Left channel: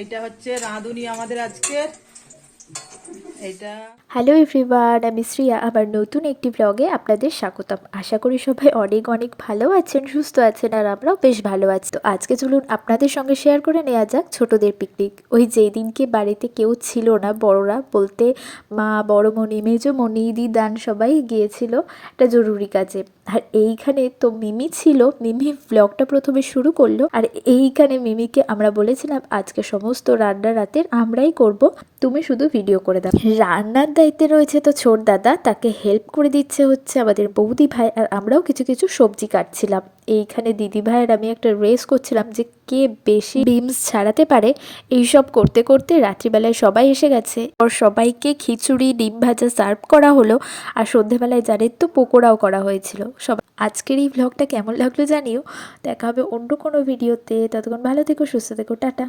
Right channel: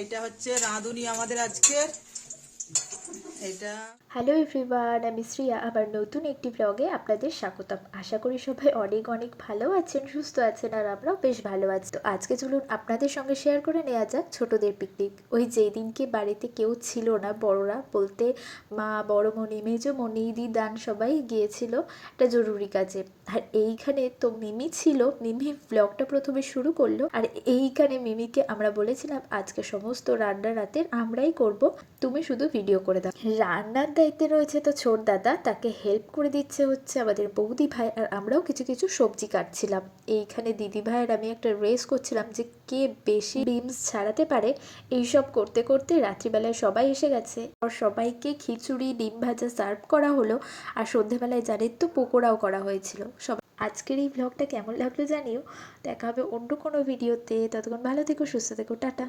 এইটা হচ্ছে রাঁধুনি আমাদের আজকের। এইটা হ্যালো এভরিওয়ান, আমি শ্রিয়া। আবার নতুন একটি ব্লগে আপনাদের স্বাগতম। আশা করি সবাই অনেক অনেক ভালো আছেন, সুস্থ আছেন, আর আমরাও বেশ ভালো আছি। তো আজকে চলুন আপনাদের সঙ্গে শেয়ার করে নেওয়া যাক ছোটদের পিকনিক। ওই যেই দিনকে বাড়িতে কেউ ছিল না, বড়রা বলতে মা, বড়মণি, মেজমণি, দিদান সবাই গিয়েছিল একটা জরুরি কাজে। আর এইখানে তো মিমি ছিল। মিমি ব্লগটা প্রথমে শুরু করলো, আর এইখানে মিমিকে আমরা বলেছিলাম আজকে সমস্ত রান্না রাতের আমরাই করব, তুমি শুধু ভিডিও করে দাও। রান্নার দায়িত্বে রয়েছে তো ছোট দাদা, তাকে হেল্প করে দিচ্ছে হচ্ছে আমাদের বৌদি ভাই, আর আমরাও কিছু কিছু সবজি কাটছিলাম। এইখানে দিদি ভাইয়ের আমি একটা রেস করছিলাম যে কে বেশি বিমস ছাড়াতে পারে। এইসব করতে করতে রাত্রিবেলায় সবাই এসে গেছে, আর সবাইকে খিচুড়ি, ডিম ভাজা সার্ভ করা হলো। আর সন্ধেবেলায় জানেন তো পকোড়াও করা হয়েছিল। সব আজকের এই ভ্লগটা কেমন লাগলো জানিও। দেখা হবে অন্য কোনো ভিডিওতে। ততক্ষণ ভালো থেকো, সুস্থ থেকো, টাটা।